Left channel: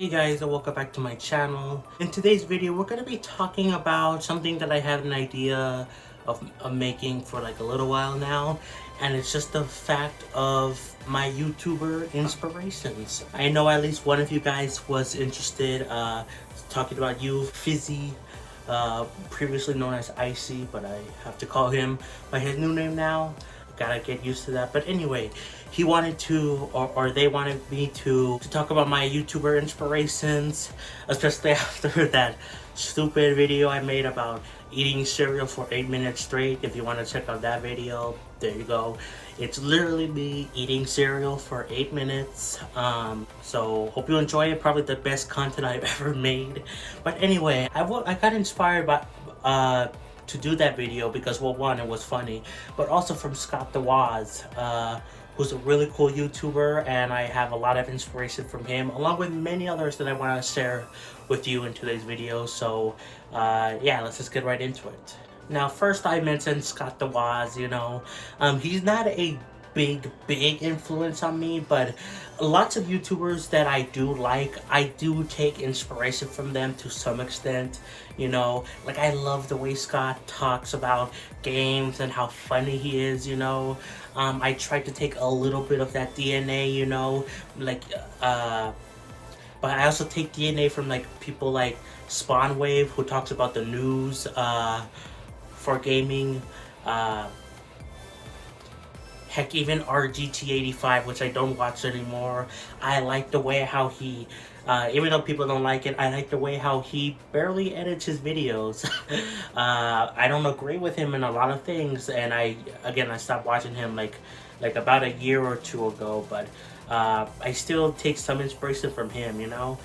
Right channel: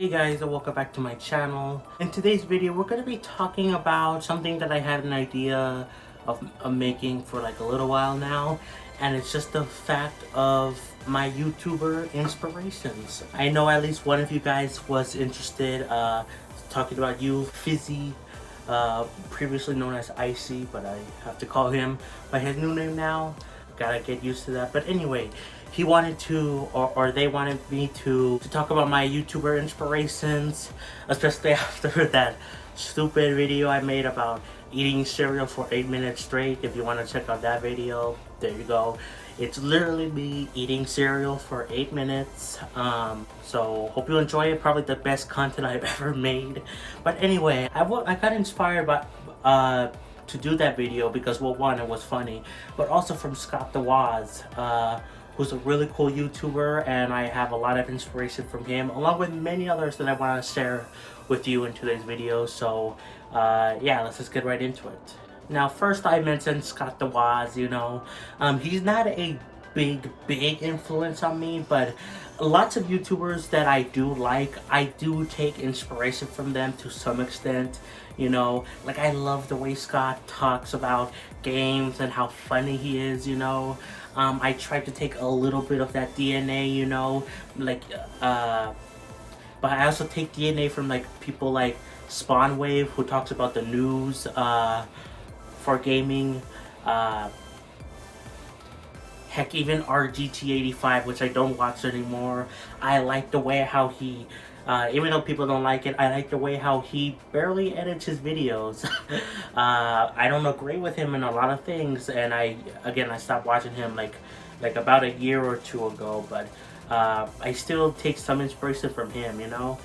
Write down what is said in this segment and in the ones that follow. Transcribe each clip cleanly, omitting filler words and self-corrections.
Hey guys, and welcome back to my channel. In today's video, we're going to be talking about something that I had an idea of making for like a little while now, and it's just the fact of my YouTuber inspirations. I know at least one of you guys was interested talking about you, Fizzy, previously known as Icy, but I have to call him by his new name now. Gotta get used to that. But anyway, he wanted to, or they wanted me to talk about my YouTuber inspirations, especially after that stupid video I made about eating cereal for 8 minutes straight. If you want to check out that video, there you go. It's literally me eating cereal for 8 minutes. So hope you enjoy it. Probably the best content I've ever made. But anyway, I got inspired by to do that video because, well, one, it was funny, but also from Scott the Woz, who's a really cool YouTuber, and I have a lot of inspiration from him, along with many others that I want to share with you in today's video. So yeah, let's just get right into it. Now, first, I mentioned Scott the Woz. You know, he's not a big influence on me, but lots of YouTubers that I do like, I do take inspiration from them to some extent. You know, like I love the way Scott talks about games and how funny he is, you know. I try to take a little bit of that DNA, you know, like but I also take DNA from like people like Spawnwave, who talks about the news for gaming. Heck, even RGT85, which I don't watch anymore. I like the way how he, even though people don't like it, I like the way how he barely edits his videos. I don't agree with him in a lot of things, and I stopped watching him like about a year or two ago, but I still take some inspiration from him, you know?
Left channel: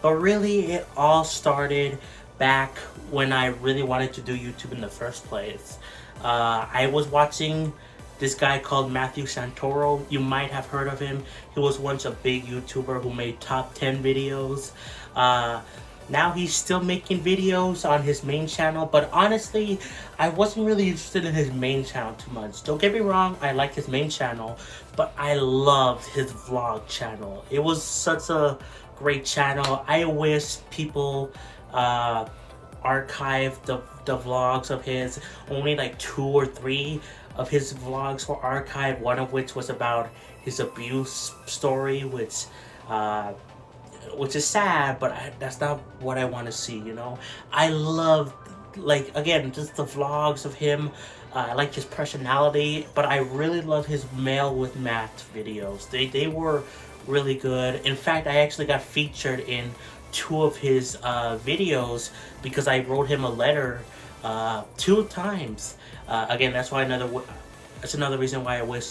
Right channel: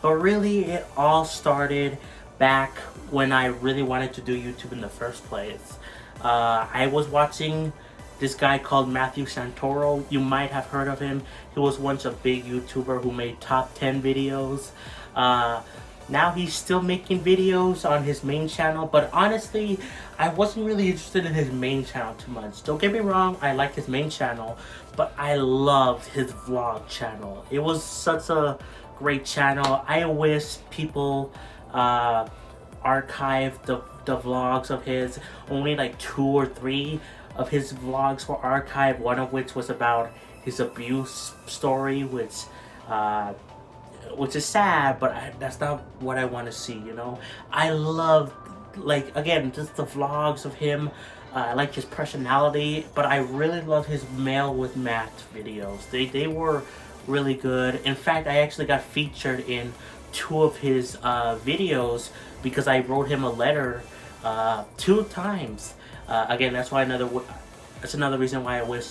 But really, it all started back when I really wanted to do YouTube in the first place. I was watching this guy called Matthew Santoro. You might have heard of him. He was once a big YouTuber who made top 10 videos. Now he's still making videos on his main channel, but honestly, I wasn't really interested in his main channel too much. Don't get me wrong, I like his main channel, but I loved his vlog channel. It was such a great channel. I wish people archived the vlogs of his. Only like 2 or 3 of his vlogs were archived, one of which was about his abuse story, which is sad, but that's not what I want to see, you know. I love, like, again, just the vlogs of him. I like his personality, but I really love his Mail with Matt videos. They were really good. In fact, I actually got featured in 2 of his videos because I wrote him a letter 2 times. Again, that's another reason why I wish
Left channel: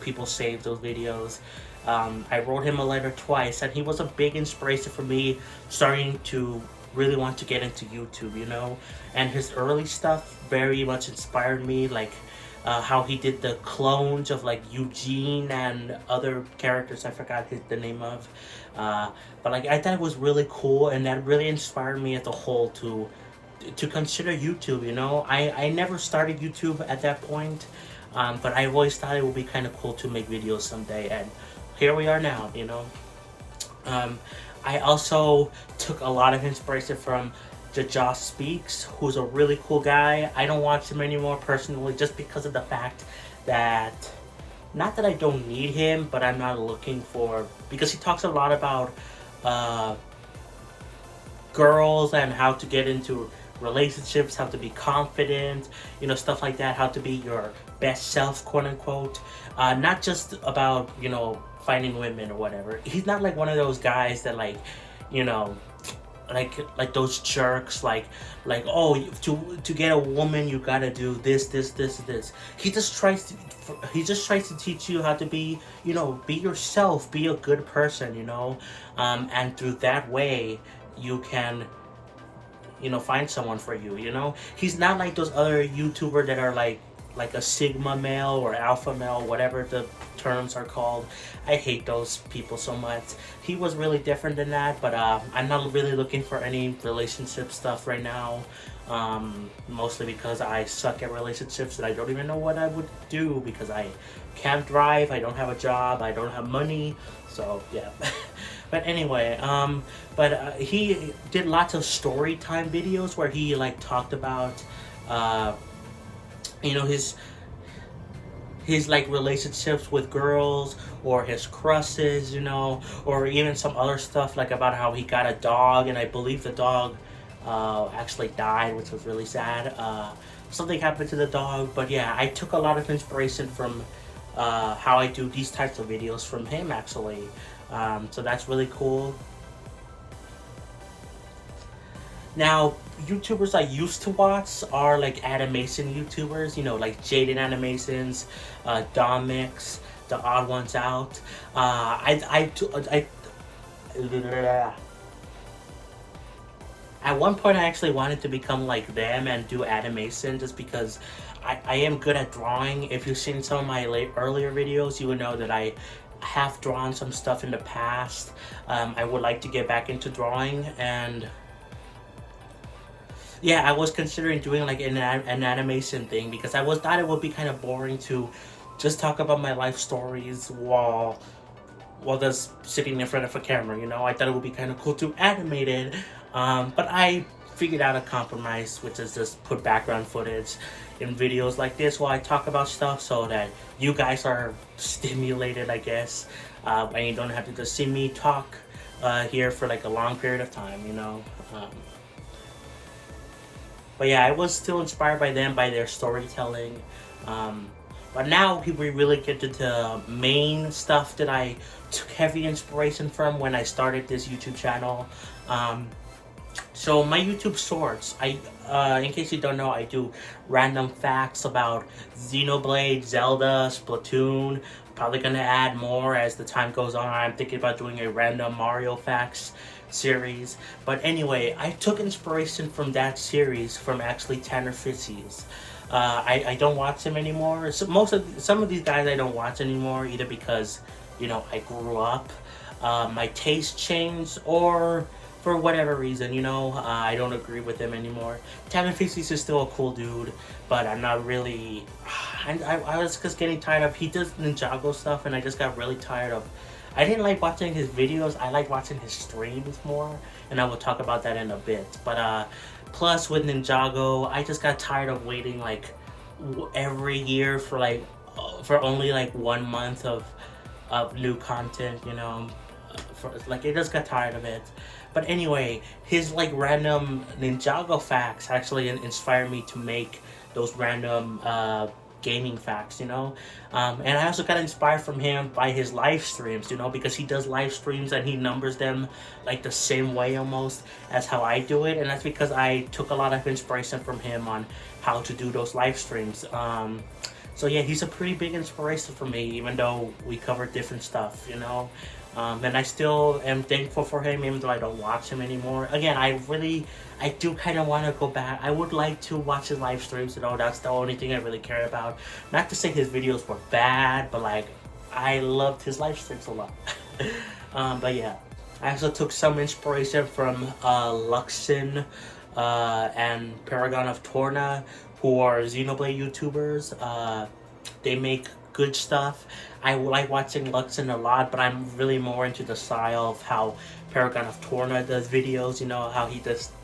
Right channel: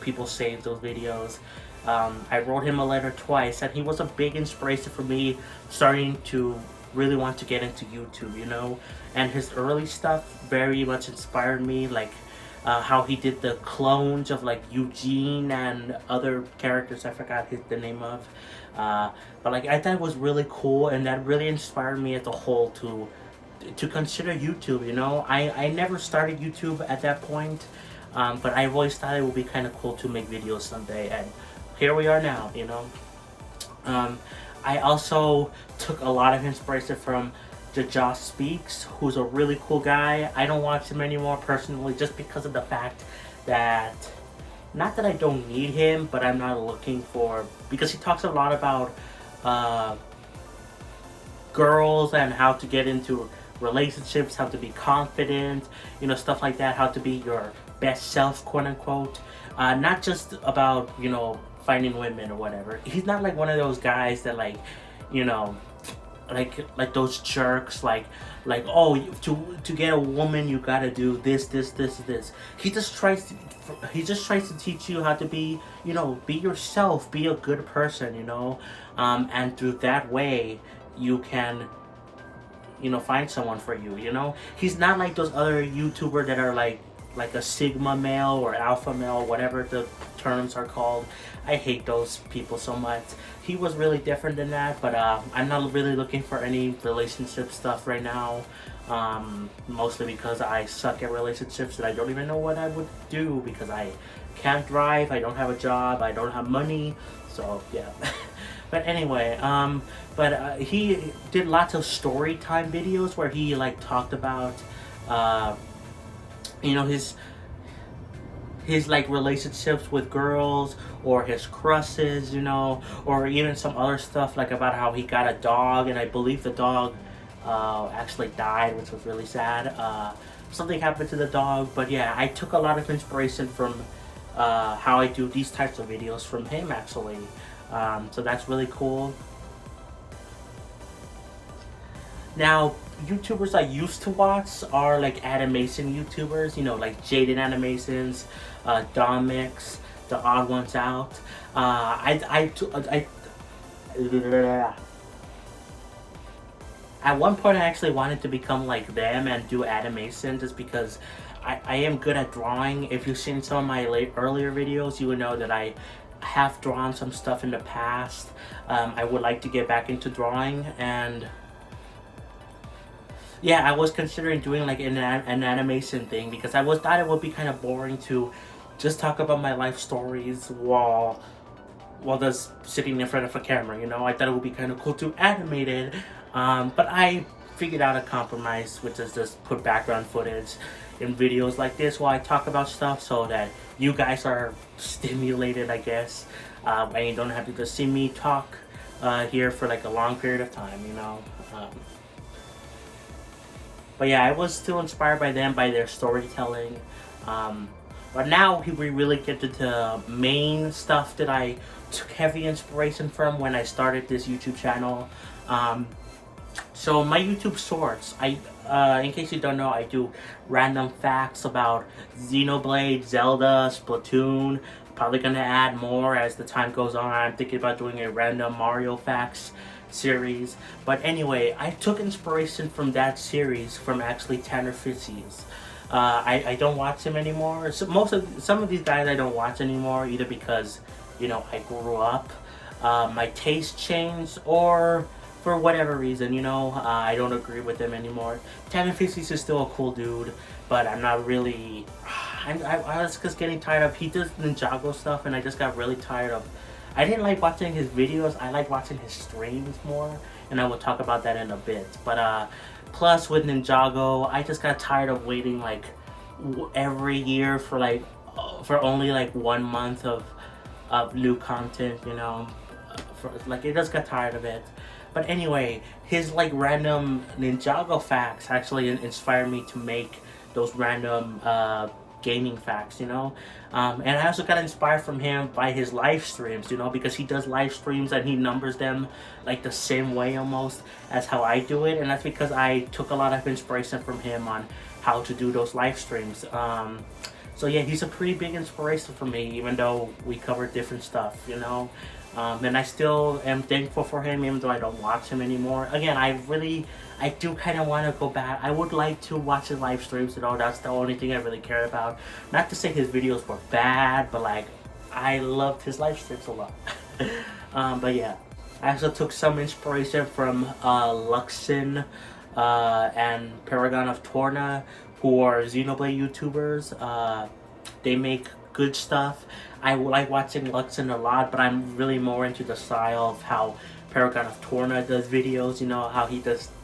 people save those videos. I wrote him a letter twice, and he was a big inspiration for me starting to really want to get into YouTube, you know. And his early stuff very much inspired me, like how he did the clones of like Eugene and other characters I forgot the name of. But like, I thought it was really cool, and that really inspired me as a whole to consider YouTube, you know. I never started YouTube at that point, but I always thought it would be kind of cool to make videos someday, and here we are now, you know. I also took a lot of inspiration from the Josh Speaks, who's a really cool guy. I don't watch him anymore personally, just because of the fact that, not that I don't need him, but I'm not looking for, because he talks a lot about girls and how to get into relationships, how to be confident, you know, stuff like that, how to be your best self, quote unquote. Not just about, you know, finding women or whatever. He's not like one of those guys that, like, you know, like those jerks, like oh, to get a woman you gotta do this. He just tries to teach you how to be, you know, be yourself, be a good person, you know. And through that way you can, you know, find someone for you, you know. He's not like those other YouTubers that are like a Sigma male or alpha male, whatever the terms are called. I hate those people so much. He was really different than that, but I'm not really looking for any relationship stuff right now. Mostly because I suck at relationships and I don't even know what I would do, because I can't drive, I don't have a job, I don't have money. So yeah. But anyway, he did lots of story time videos where he like talked about, uh, you know, his like relationships with girls or his crushes, you know, or even some other stuff like about how he got a dog, and I believe the dog actually died, which was really sad. Something happened to the dog, but yeah, I took a lot of inspiration from how I do these types of videos from him actually. So that's really cool. Now, YouTubers I used to watch are like animation YouTubers, you know, like Jaden Animations, Domix, The Odd Ones Out. At one point, I actually wanted to become like them and do animation just because I am good at drawing. If you've seen some of my earlier videos, you would know that I have drawn some stuff in the past. I would like to get back into drawing, and yeah, I was considering doing like an animation thing because I thought it would be kind of boring to just talk about my life stories while just sitting in front of a camera, you know. I thought it would be kind of cool to animate it, but I figured out a compromise, which is just put background footage in videos like this while I talk about stuff so that you guys are stimulated, I guess, and you don't have to just see me talk here for like a long period of time, you know. But yeah, I was still inspired by them, by their storytelling. But now we really get to the main stuff that I took heavy inspiration from when I started this YouTube channel. So my YouTube shorts, in case you don't know, I do random facts about Xenoblade, Zelda, Splatoon. Probably gonna add more as the time goes on. I'm thinking about doing a random Mario facts series. But anyway, I took inspiration from that series from actually Tanner Fitzies. I don't watch him anymore. So some of these guys I don't watch anymore, either because, you know, I grew up, my taste changed, or for whatever reason, you know, I don't agree with them anymore. Tanner Fitzies is still a cool dude, but I'm not really. I was just getting tired of. He does Ninjago stuff, and I just got really tired of. I didn't like watching his videos. I like watching his streams more, and I will talk about that in a bit. But plus with Ninjago, I just got tired of waiting like every year for only like 1 month of new content. You know, like it just got tired of it. But anyway, his like random Ninjago facts actually inspired me to make those random gaming facts, you know. And I also got inspired from him by his live streams, you know, because he does live streams and he numbers them like the same way almost as how I do it, and that's because I took a lot of inspiration from him on how to do those live streams. So yeah, he's a pretty big inspiration for me, even though we cover different stuff, you know. And I still am thankful for him, even though I don't watch him anymore. Again, I do kind of want to go back. I would like to watch his live streams, you know. That's the only thing I really care about. Not to say his videos were bad, but like, I loved his live streams a lot. But yeah, I also took some inspiration from Luxin and Paragon of Torna, who are Xenoblade YouTubers. They make good stuff. I like watching Luxin a lot, but I'm really more into the style of how Paragon of Torna does videos, you know, how he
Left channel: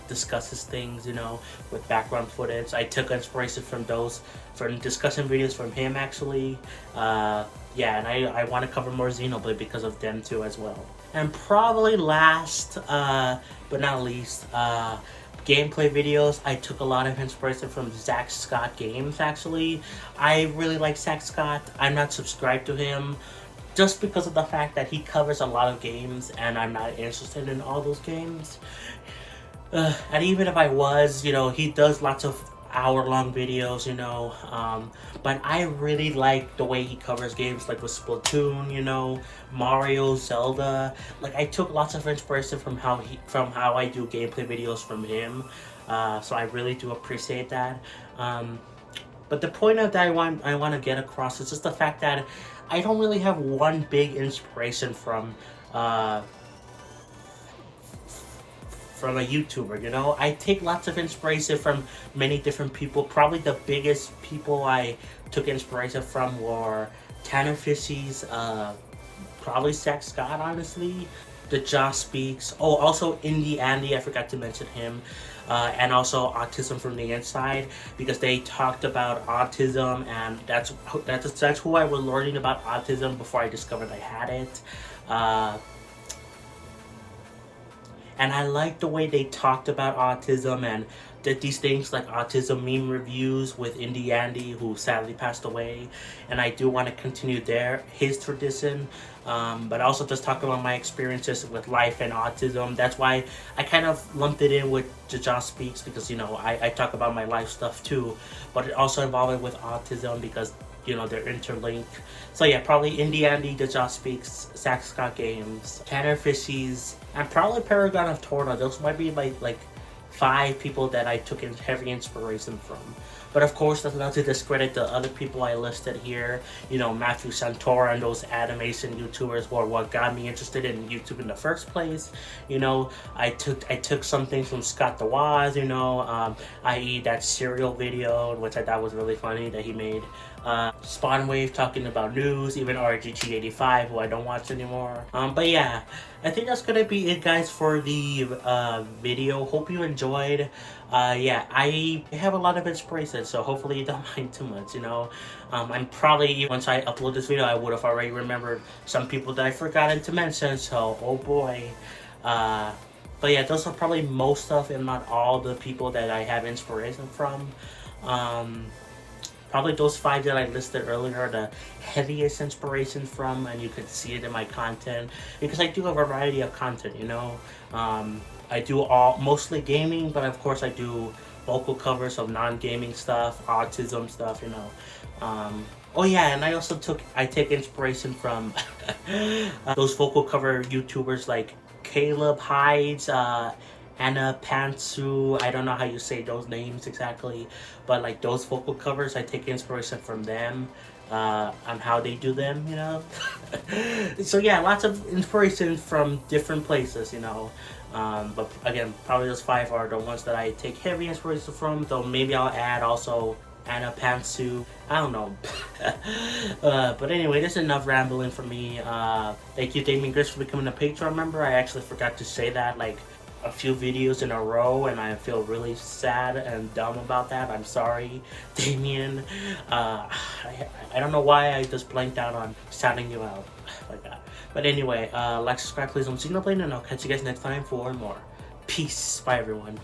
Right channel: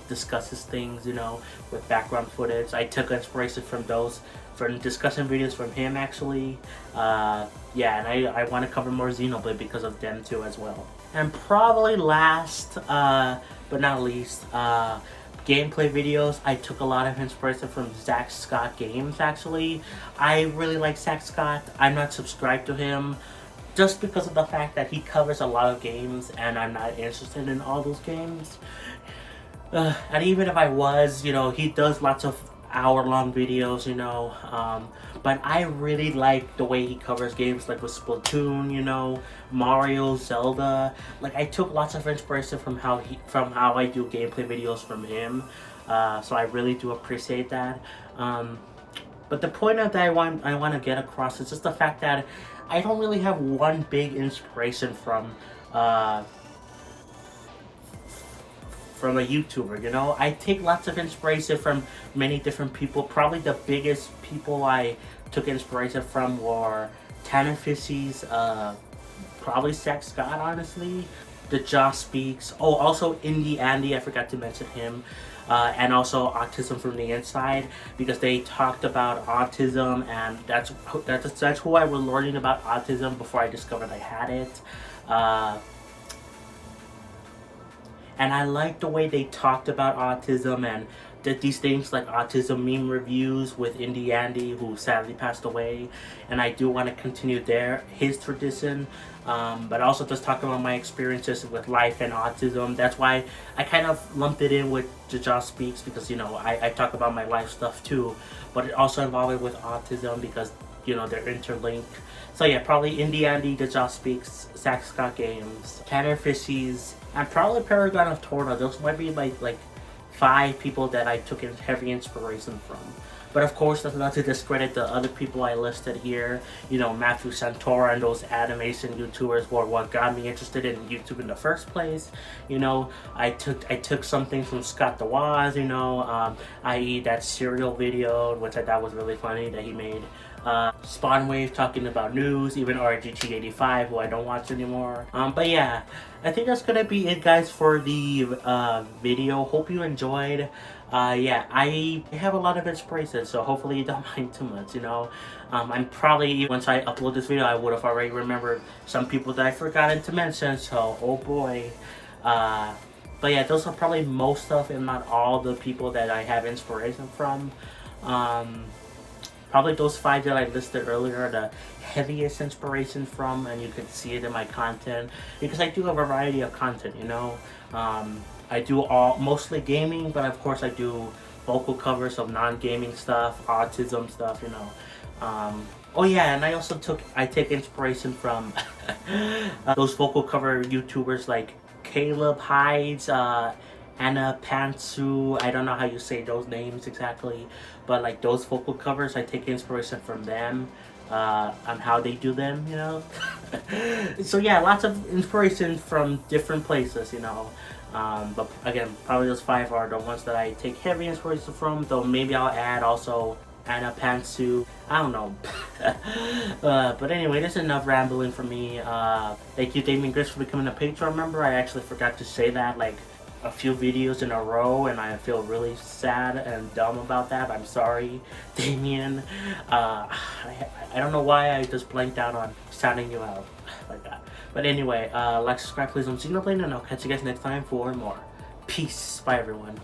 discusses things, you know, with background footage. I took inspiration from those, from discussion videos from him actually. Yeah, and I want to cover more Xenoblade because of them too as well. And probably last, but not least, gameplay videos. I took a lot of inspiration from Zach Scott Games actually. I really like Zach Scott. I'm not subscribed to him just because of the fact that he covers a lot of games and I'm not interested in all those games. And even if I was, you know, he does lots of hour-long videos, you know, but I really like the way he covers games like with Splatoon, you know, Mario, Zelda. Like, I took lots of inspiration from how I do gameplay videos from him, so I really do appreciate that. But the point that I want to get across is just the fact that I don't really have one big inspiration from a YouTuber, you know. I take lots of inspiration from many different people. Probably the biggest people I took inspiration from were Tanner Fitzies, probably Zach Scott, honestly. The Josh Speaks. Oh, also Indie Andy, I forgot to mention him. And also Autism from the Inside, because they talked about autism, and that's who I was learning about autism before I discovered I had it. And I like the way they talked about autism and did these things like autism meme reviews with Indie Andy, who sadly passed away. And I do want to continue his tradition, but also just talk about my experiences with life and autism. That's why I kind of lumped it in with Josh Speaks, because you know I talk about my life stuff too, but it also involved it with autism because you know they're interlinked. So yeah, probably Indie Andy, The Josh Speaks, Zach Scott Games, Tanner Fishies, and probably Paragon of Torna. Those might be like 5 people that I took in heavy inspiration from. But of course, that's not to discredit the other people I listed here. You know, Matthew Santora and those animation YouTubers were what got me interested in YouTube in the first place. You know, I took something from Scott the Waz, you know, i.e. that cereal video, which I thought was really funny that he made. Spawnwave talking about news, even RGT85, who I don't watch anymore. But yeah, I think that's gonna be it, guys, for the video. Hope you enjoyed. Yeah, I have a lot of inspiration, so hopefully you don't mind too much, you know. And probably once I upload this video, I would have already remembered some people that I forgotten to mention, so oh boy. But yeah, those are probably most of, if not all, the people that I have inspiration from. Probably those 5 that I listed earlier are the heaviest inspiration from, and you can see it in my content, because I do have a variety of content, you know. I do mostly gaming, but of course I do vocal covers of non-gaming stuff, autism stuff, you know. Oh yeah, and I take inspiration from those vocal cover YouTubers like Caleb Hides, Anna Pantsu, I don't know how you say those names exactly, but like those vocal covers, I take inspiration from them, on how they do them, you know. So yeah, lots of inspiration from different places, you know. But again, probably those 5 are the ones that I take heavy inspiration from, though maybe I'll add also Anna Pantsu, I don't know. But anyway, this is enough rambling for me. Thank you, Damien Chris, for becoming a Patreon member. I actually forgot to say that like a few videos in a row, and I feel really sad and dumb about that. I'm sorry, Damien. I don't know why I just blanked out on shouting you out like that. But anyway, like, subscribe, please, on Xenoblade, and I'll catch you guys next time for more. Peace. Bye, everyone.